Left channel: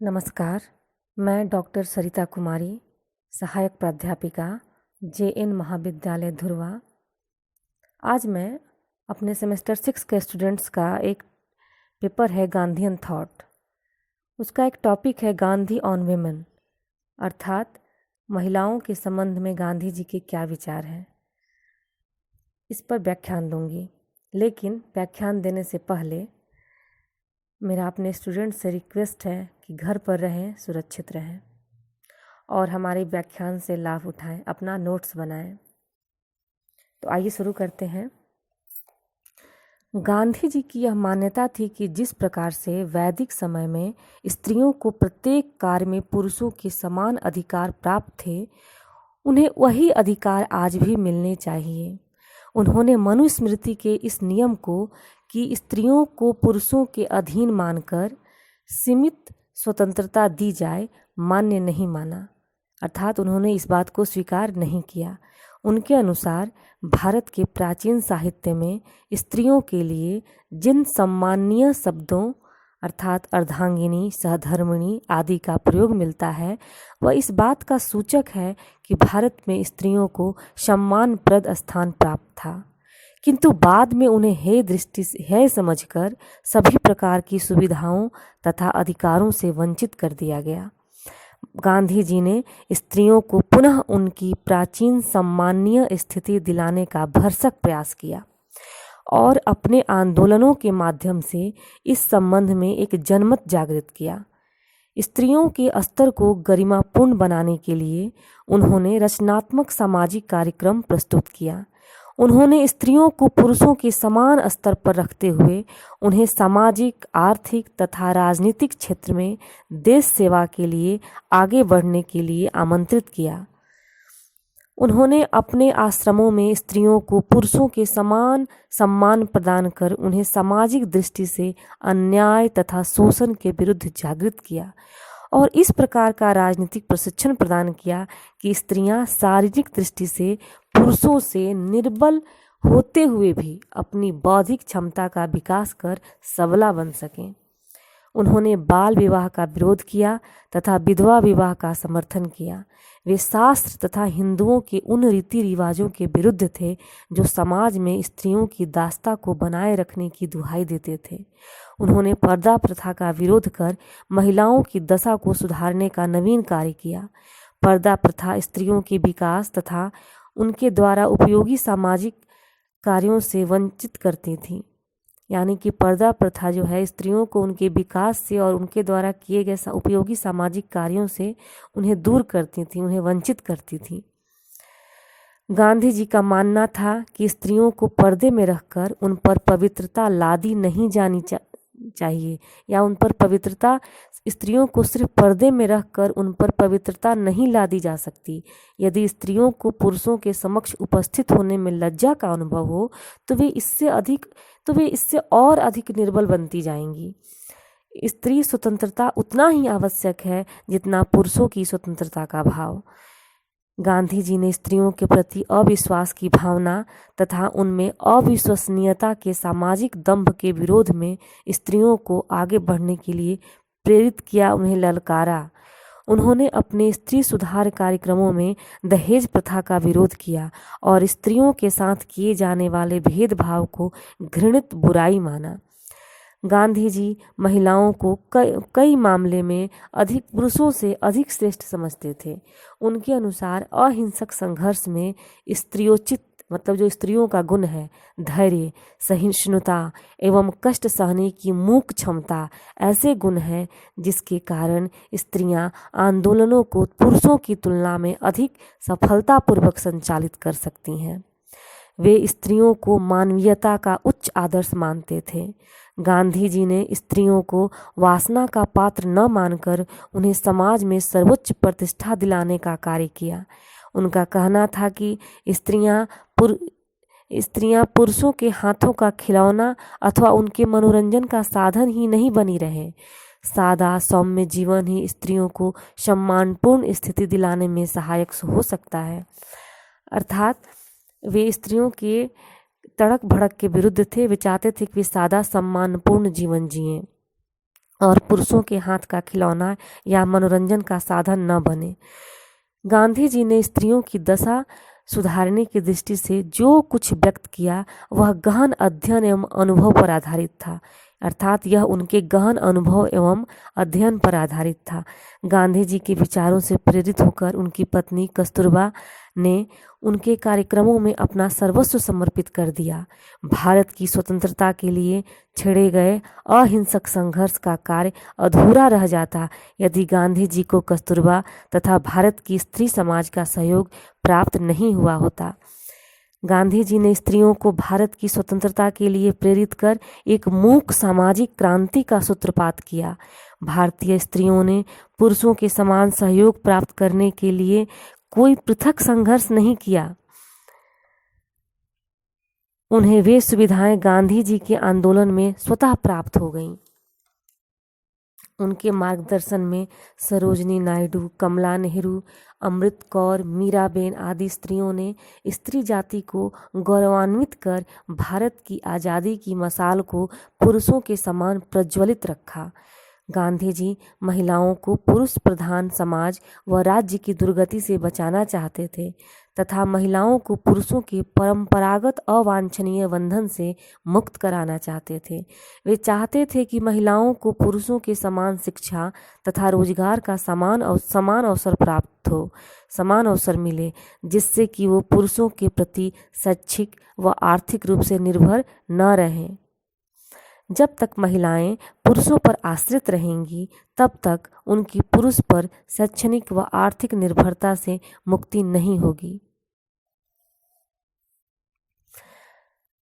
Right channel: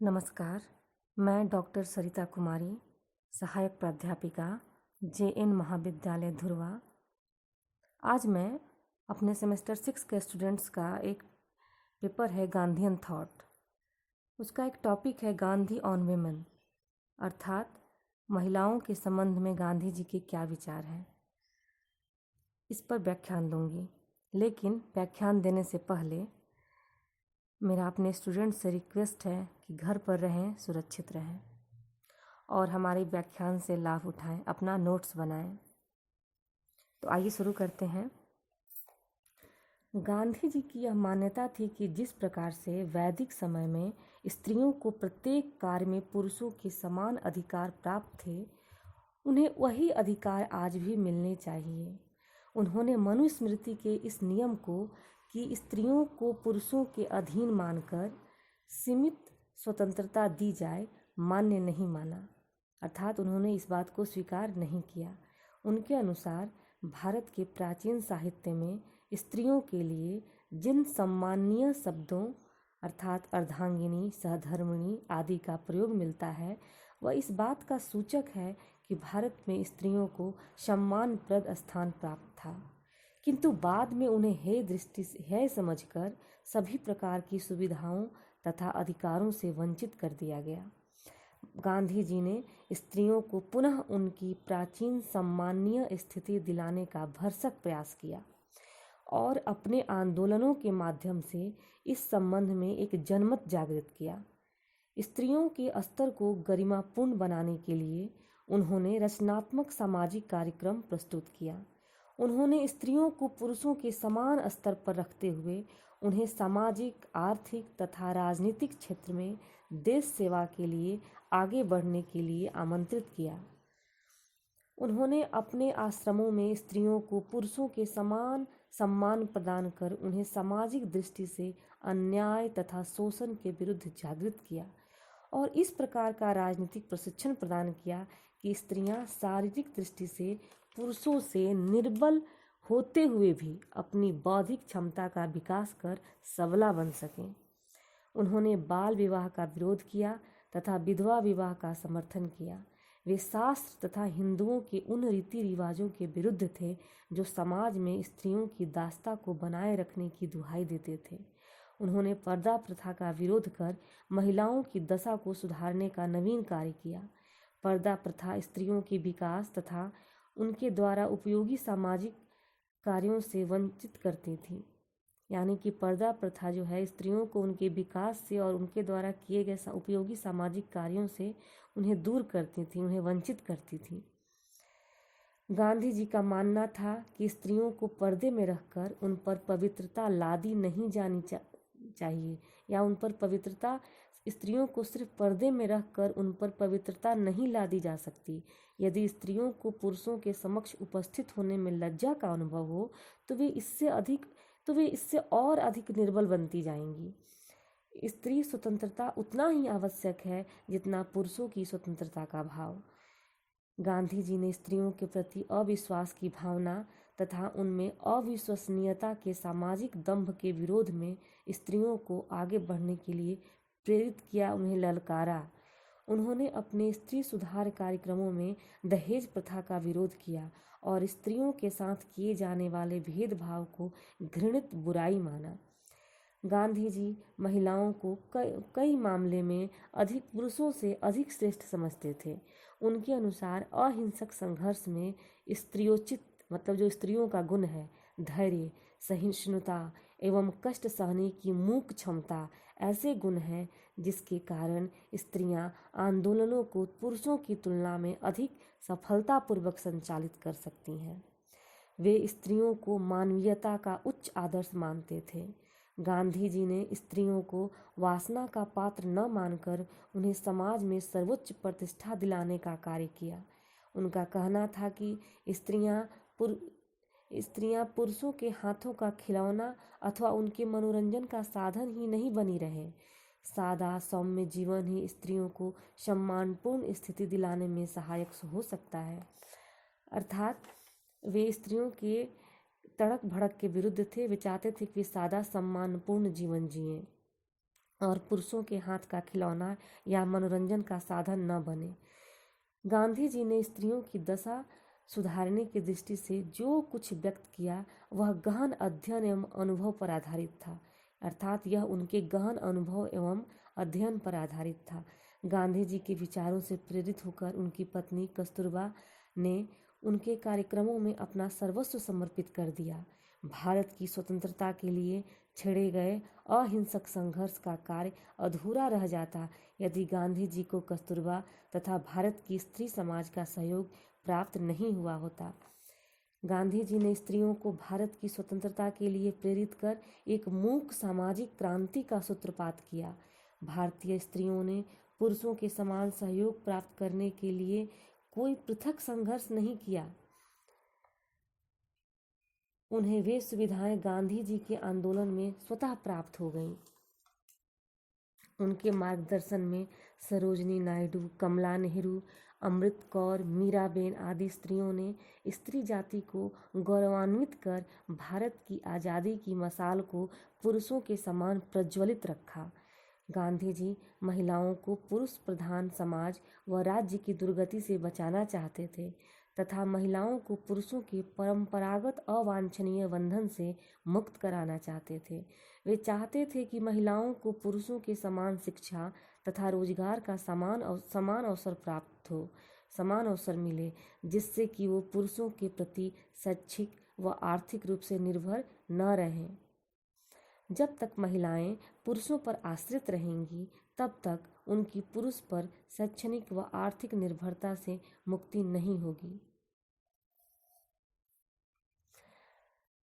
नमस्कार, मैं डॉक्टर सरिता कुमारी, सहायक प्राध्यापिका JN महाविद्यालय धुर्वा। आज मैं अपने सेमेस्टर 6 के स्टूडेंट्स का एक पेपर है गांधीयन थॉट। उसका एक टॉपिक है गांधी ऑन विमेन, अर्थात महिलाओं के संबंध में गांधी जी के क्या विचार हैं। इस पर व्याख्यान दूंगी, लेकिन व्याख्यान देने से पहले मेरा अपने स्टूडेंट से रिक्वेस्ट है कि घर पर रहें, सुरक्षित रहें और हमारे व्याख्यान से लाभ उठाएं, अपना नोट्स बनाएं। तो आइए शुरू करते हैं। गांधी जी की यह मान्यता थी कि जिस प्रकार से वैदिक समय में स्त्रियों को प्रत्येक कार्य में पुरुषों के समान अधिकार प्राप्त थे, उन्हें वही अधिकार आज भी मिलने चाहिए। उन्होंने मनुस्मृति के इस नियम को कि स्त्रियों को पुरुषों के अधीन मानकर सीमित स्वतंत्रता दी जाए मान्य नहीं माना, अर्थात उन्होंने इस बात को स्वीकार नहीं किया। उनके अनुसार भारत के प्राचीन साहित्य में स्त्रियों के लिए जिन सम्माननीय शब्दों अर्थात अर्धांगिनी, सहधर्मिणी आदि का प्रयोग मिलता है, वह इस बात का सूचक है कि भारत में स्त्रियों को सम्मानप्रद स्थान प्राप्त था, किंतु बाद में उन्हें हेय समझकर सभी प्रकार की सुविधाओं तथा अधिकारों से वंचित कर दिया गया। गांधी जी ने स्त्रियों को पुनः उनकी प्राचीन सम्माननीय स्थिति दिलाने का भरसक प्रयास किया और अपने आंदोलनों के माध्यम से इस संबंध में एक जनमत जागृत किया। स्त्रियों के स्तर को गरिमापूर्ण बनाने के लिए उन्होंने रचनात्मक सामाजिक कार्यक्रम प्रस्तुत किया। उन्होंने स्त्रियों को पुरुषों के समान स्तर पर रखते हुए उन्हें सामाजिक, आर्थिक तथा राजनीतिक क्षेत्र में देश सेवा के लिए आगे बढ़ने के लिए आमंत्रित किया। उन्होंने अपने आश्रमों में स्त्रियों को पुरुषों के समान सम्मान प्रदान कर उन्हें सामाजिक दृष्टि से अन्याय तथा शोषण के विरुद्ध जागृत किया और इस प्रकार का राजनीतिक प्रशिक्षण प्रदान किया कि स्त्रियां शारीरिक दृष्टि से पुरुषों से निर्बल होते हुए भी अपनी बौद्धिक क्षमता का विकास कर सबला बन सकें। उन्होंने बाल विवाह का विरोध किया तथा विधवा विवाह का समर्थन किया। वे शास्त्र तथा हिंदुओं के उन रीति रिवाजों के विरुद्ध थे जो समाज में स्त्रियों की दास्ता को बनाए रखने की दुहाई देते थे। उन्होंने पर्दा प्रथा का विरोध कर महिलाओं की दशा को सुधारने का नवीन कार्य किया। पर्दा प्रथा स्त्रियों के विकास तथा उनके द्वारा उपयोगी सामाजिक कार्यों से वंचित करती थी, यानी कि पर्दा प्रथा जो है स्त्रियों को उनके विकास से और उनके द्वारा किए गए उपयोगी सामाजिक कार्यों से उन्हें दूर करती थी, उन्हें वंचित करती थी। गांधी जी का मानना था कि स्त्रियों को पर्दे में रखकर उन पर पवित्रता लादी नहीं जानी चाहिए या उन पर पवित्रता स्त्रियों को सिर्फ पर्दे में रखकर उन पर पवित्रता नहीं लादी जा सकती। यदि स्त्रियों को पुरुषों के समक्ष उपस्थित होने में लज्जा का अनुभव हो तो वे इससे और अधिक निर्बल बनती जाएंगी। स्त्री स्वतंत्रता उतना ही आवश्यक है जितना पुरुषों की स्वतंत्रता का भाव। गांधी जी ने स्त्रियों के प्रति अविश्वास की भावना तथा उनमें अविश्वसनीयता के सामाजिक दंभ के विरोध में स्त्रियों को आगे बढ़ने के लिए प्रेरित किया, उन्हें ललकारा। उन्होंने अपने स्त्री सुधार कार्यक्रमों में दहेज प्रथा का विरोध किया और स्त्रियों के साथ किए जाने वाले भेदभाव को घृणित बुराई माना। गांधी जी महिलाओं को कई मामले में पुरुषों से अधिक श्रेष्ठ समझते थे। उनके अनुसार अहिंसक संघर्ष में स्त्रियोचित मतलब जो स्त्रियों का गुण है, धैर्य, सहिष्णुता एवं कष्ट सहने की मूक क्षमता ऐसे गुण हैं जिसके कारण स्त्रियां आंदोलनों को पुरुषों की तुलना में अधिक सफलतापूर्वक संचालित कर सकती हैं। वे स्त्रियों को मानवीयता का उच्च आदर्श मानते थे। गांधी जी ने स्त्रियों को वासना का पात्र न मानकर उन्हें समाज में सर्वोच्च प्रतिष्ठा दिलाने का कार्य किया। उनका कहना था कि स्त्रियां पुरुषों के हाथों का खिलौना अथवा उनके मनोरंजन का साधन ही नहीं बनी रहे। सादा सौम्य जीवन ही स्त्रियों को सम्मानपूर्ण स्थिति दिलाने में सहायक हो सकता है। अर्थात वे स्त्रियों के तड़क भड़क के विरुद्ध थे। वे चाहते थे कि वे सादा सम्मानपूर्ण जीवन जिएं। और पुरुषों के हाथ का खिलौना या मनोरंजन का साधन न बने। गांधी जी ने स्त्रियों की दशा सुधारने की दृष्टि से जो कुछ व्यक्त किया वह गहन अध्ययन एवं अनुभव पर आधारित था, अर्थात यह उनके गहन अनुभव एवं अध्ययन पर आधारित था। गांधी जी के विचारों से प्रेरित होकर उनकी पत्नी कस्तूरबा ने उनके कार्यक्रमों में अपना सर्वस्व समर्पित कर दिया। भारत की स्वतंत्रता के लिए छेड़े गए अहिंसक संघर्ष का कार्य अधूरा रह जाता यदि गांधी जी को कस्तूरबा तथा भारत की स्त्री समाज का सहयोग प्राप्त नहीं हुआ होता। गांधी जी ने स्त्रियों को भारत की स्वतंत्रता के लिए प्रेरित कर एक मूक सामाजिक क्रांति का सूत्रपात किया। भारतीय स्त्रियों ने पुरुषों के समान सहयोग प्राप्त करने के लिए कोई पृथक संघर्ष नहीं किया। उन्हें वे सुविधाएं गांधी जी के आंदोलन में स्वतः प्राप्त हो गईं। उनके मार्गदर्शन में सरोजनी नायडू, कमला नेहरू, अमृत कौर, मीराबेन आदि स्त्रियों ने स्त्री जाति को गौरवान्वित कर भारत की आज़ादी की मशाल को पुरुषों के समान प्रज्वलित रखा। गांधी जी महिलाओं को पुरुष प्रधान समाज व राज्य की दुर्गति से बचाना चाहते थे तथा महिलाओं को पुरुषों के परंपरागत अवांछनीय बंधन से मुक्त कराना चाहते थे। वे चाहते थे कि महिलाओं को पुरुषों के समान शिक्षा तथा रोजगार का समान अवसर प्राप्त हो, समान अवसर मिले, जिससे कि वो पुरुषों के प्रति शैक्षिक व आर्थिक रूप से निर्भर न रहें। जब तक महिलाएं पुरुषों पर आश्रित रहेंगी तब तक उनकी पुरुष पर शैक्षणिक व आर्थिक निर्भरता से मुक्ति नहीं होगी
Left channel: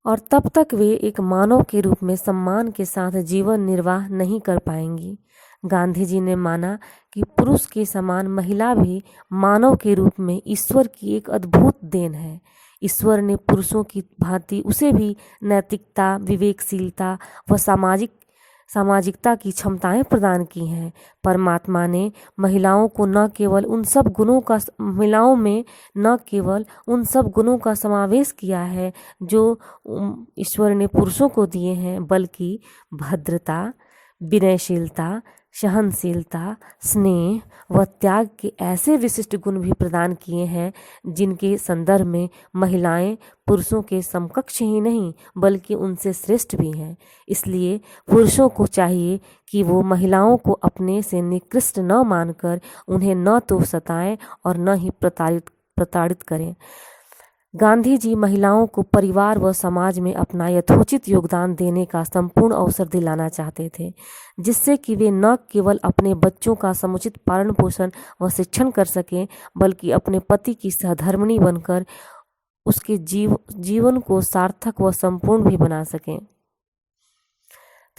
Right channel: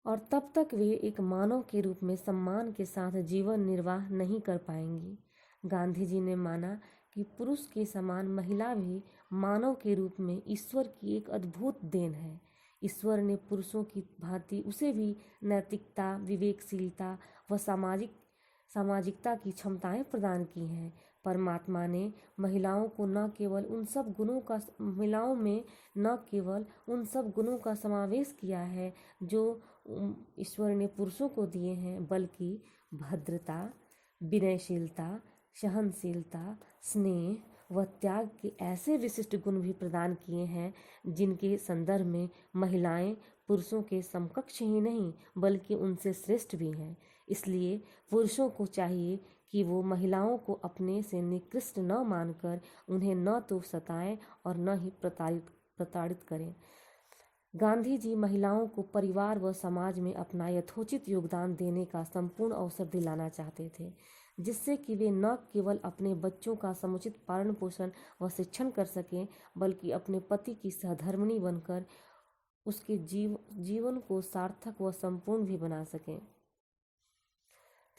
और तब तक वे एक मानव के रूप में सम्मान के साथ जीवन निर्वाह नहीं कर पाएंगी। गांधी जी ने माना कि पुरुष के समान महिला भी मानव के रूप में ईश्वर की एक अद्भुत देन है। ईश्वर ने पुरुषों की भांति उसे भी नैतिकता, विवेकशीलता व सामाजिकता की क्षमताएं प्रदान की हैं। परमात्मा ने महिलाओं में न केवल उन सब गुणों का समावेश किया है जो ईश्वर ने पुरुषों को दिए हैं, बल्कि भद्रता, विनयशीलता, सहनशीलता, स्नेह व त्याग के ऐसे विशिष्ट गुण भी प्रदान किए हैं जिनके संदर्भ में महिलाएं पुरुषों के समकक्ष ही नहीं बल्कि उनसे श्रेष्ठ भी हैं। इसलिए पुरुषों को चाहिए कि वो महिलाओं को अपने से निकृष्ट न मानकर उन्हें न तो सताएं और न ही प्रताड़ित करें। गांधी जी महिलाओं को परिवार व समाज में अपना यथोचित योगदान देने का संपूर्ण अवसर दिलाना चाहते थे, जिससे कि वे न केवल अपने बच्चों का समुचित पालन पोषण व शिक्षण कर सकें बल्कि अपने पति की सहधर्मिणी बनकर उसके जीवन को सार्थक व संपूर्ण भी बना सकें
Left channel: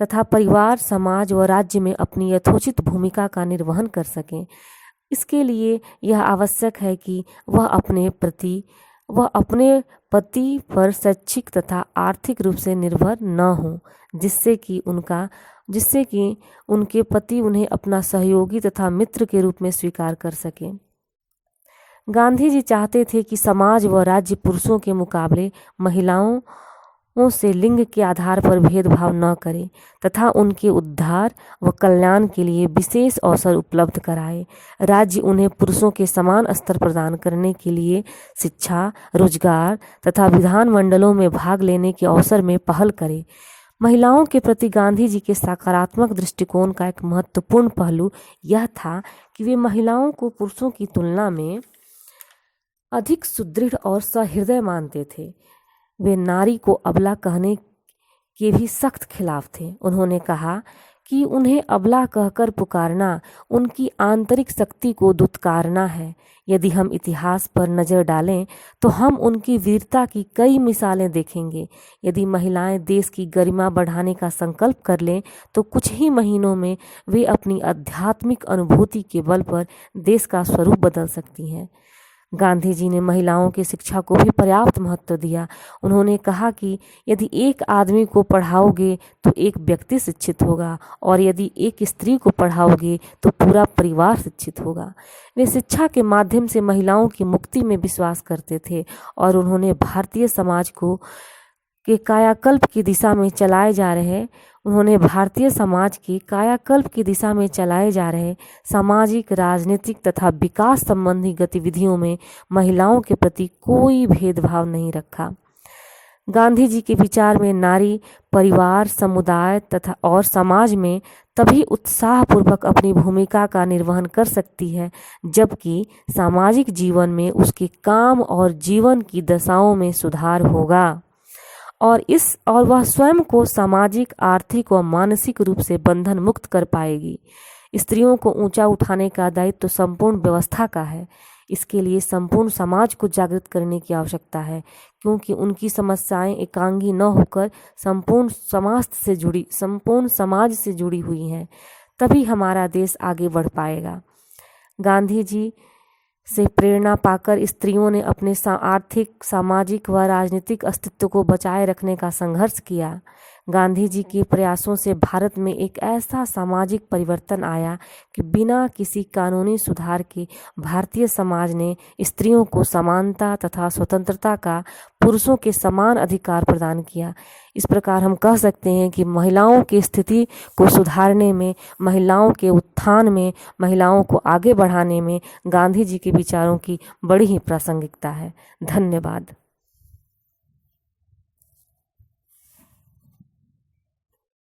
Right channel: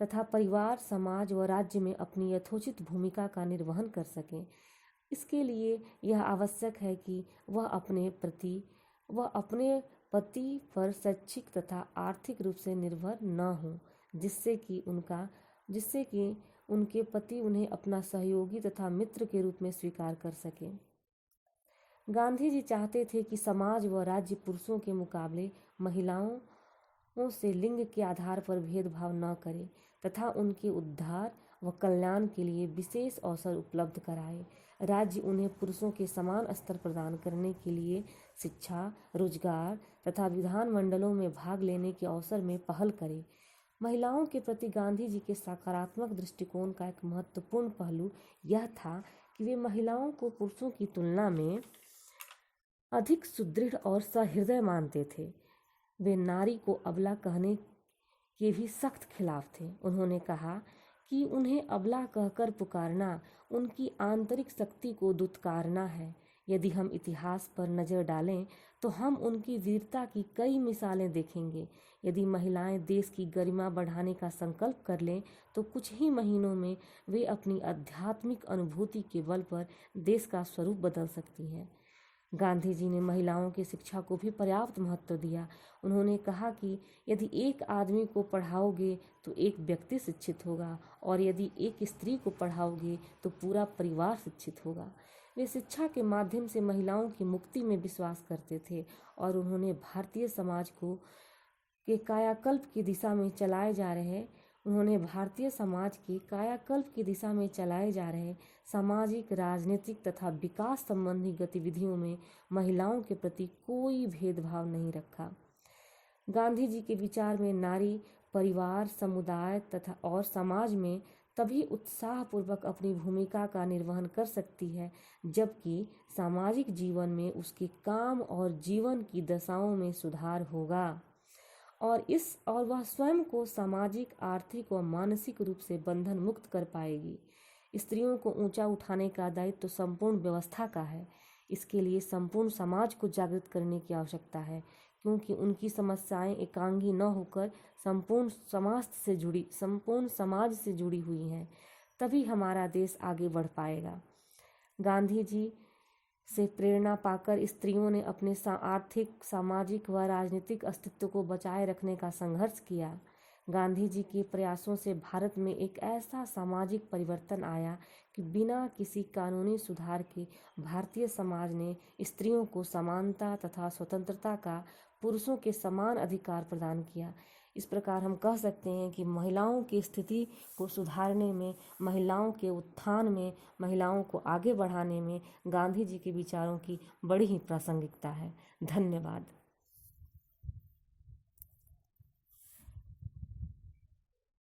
तथा परिवार, समाज व राज्य में अपनी यथोचित भूमिका का निर्वहन कर सकें। इसके लिए यह आवश्यक है कि वह अपने पति पर शैक्षिक तथा आर्थिक रूप से निर्भर न हो, जिससे कि उनके पति उन्हें अपना सहयोगी तथा मित्र के रूप में स्वीकार कर सकें। गांधी जी चाहते थे कि समाज व राज्य पुरुषों के मुकाबले महिलाओं से लिंग के आधार पर भेदभाव न करे तथा उनके उद्धार व कल्याण के लिए विशेष अवसर उपलब्ध कराए। राज्य उन्हें पुरुषों के समान स्तर प्रदान करने के लिए शिक्षा, रोजगार तथा विधान मंडलों में भाग लेने के अवसर में पहल करे। महिलाओं के प्रति गांधी जी के सकारात्मक दृष्टिकोण का एक महत्वपूर्ण पहलू यह था कि वे महिलाओं को पुरुषों की तुलना में अधिक सुदृढ़ और सहृदय मानते थे। वे नारी को अबला कहने के भी सख्त खिलाफ थे। उन्होंने कहा कि उन्हें अबला कहकर पुकारना उनकी आंतरिक शक्ति को दुत्कारना है। यदि हम इतिहास पर नज़र डालें तो हम उनकी वीरता की कई मिसालें देखेंगे। यदि महिलाएं देश की गरिमा बढ़ाने का संकल्प कर लें तो कुछ ही महीनों में वे अपनी आध्यात्मिक अनुभूति के बल पर देश का स्वरूप बदल सकती हैं। गांधी जी ने महिलाओं की शिक्षा को भी पर्याप्त महत्व दिया। उन्होंने कहा कि यदि एक आदमी को पढ़ाओगे तो एक व्यक्ति शिक्षित होगा और यदि एक स्त्री को पढ़ाओगे तो पूरा परिवार शिक्षित होगा। वे शिक्षा के माध्यम से महिलाओं की मुक्ति में विश्वास करते थे और उन्होंने भारतीय समाज के कायाकल्प की दिशा में चलाए जा रहे उन्होंने भारतीय समाज की कायाकल्प की दिशा में चलाए जा रहे सामाजिक, राजनीतिक तथा विकास संबंधी गतिविधियों में महिलाओं के प्रति कोई भेदभाव नहीं रखा। गांधी जी के विचार में नारी परिवार, समुदाय तथा और समाज में तभी उत्साहपूर्वक अपनी भूमिका का निर्वहन कर सकती है जबकि सामाजिक जीवन में उसके काम और जीवन की दशाओं में सुधार होगा और वह स्वयं को सामाजिक, आर्थिक व मानसिक रूप से बंधन मुक्त कर पाएगी। स्त्रियों को ऊंचा उठाने का दायित्व तो संपूर्ण व्यवस्था का है। इसके लिए संपूर्ण समाज को जागृत करने की आवश्यकता है क्योंकि उनकी समस्याएं एकांगी न होकर संपूर्ण समाज से जुड़ी हुई हैं। तभी हमारा देश आगे बढ़ पाएगा। गांधी जी से प्रेरणा पाकर स्त्रियों ने अपने आर्थिक, सामाजिक व राजनीतिक अस्तित्व को बचाए रखने का संघर्ष किया। गांधी जी के प्रयासों से भारत में एक ऐसा सामाजिक परिवर्तन आया कि बिना किसी कानूनी सुधार के भारतीय समाज ने स्त्रियों को समानता तथा स्वतंत्रता का, पुरुषों के समान अधिकार प्रदान किया। इस प्रकार हम कह सकते हैं कि महिलाओं की स्थिति को सुधारने में, महिलाओं के उत्थान में, महिलाओं को आगे बढ़ाने में गांधी जी के विचारों की बड़ी ही प्रासंगिकता है। धन्यवाद।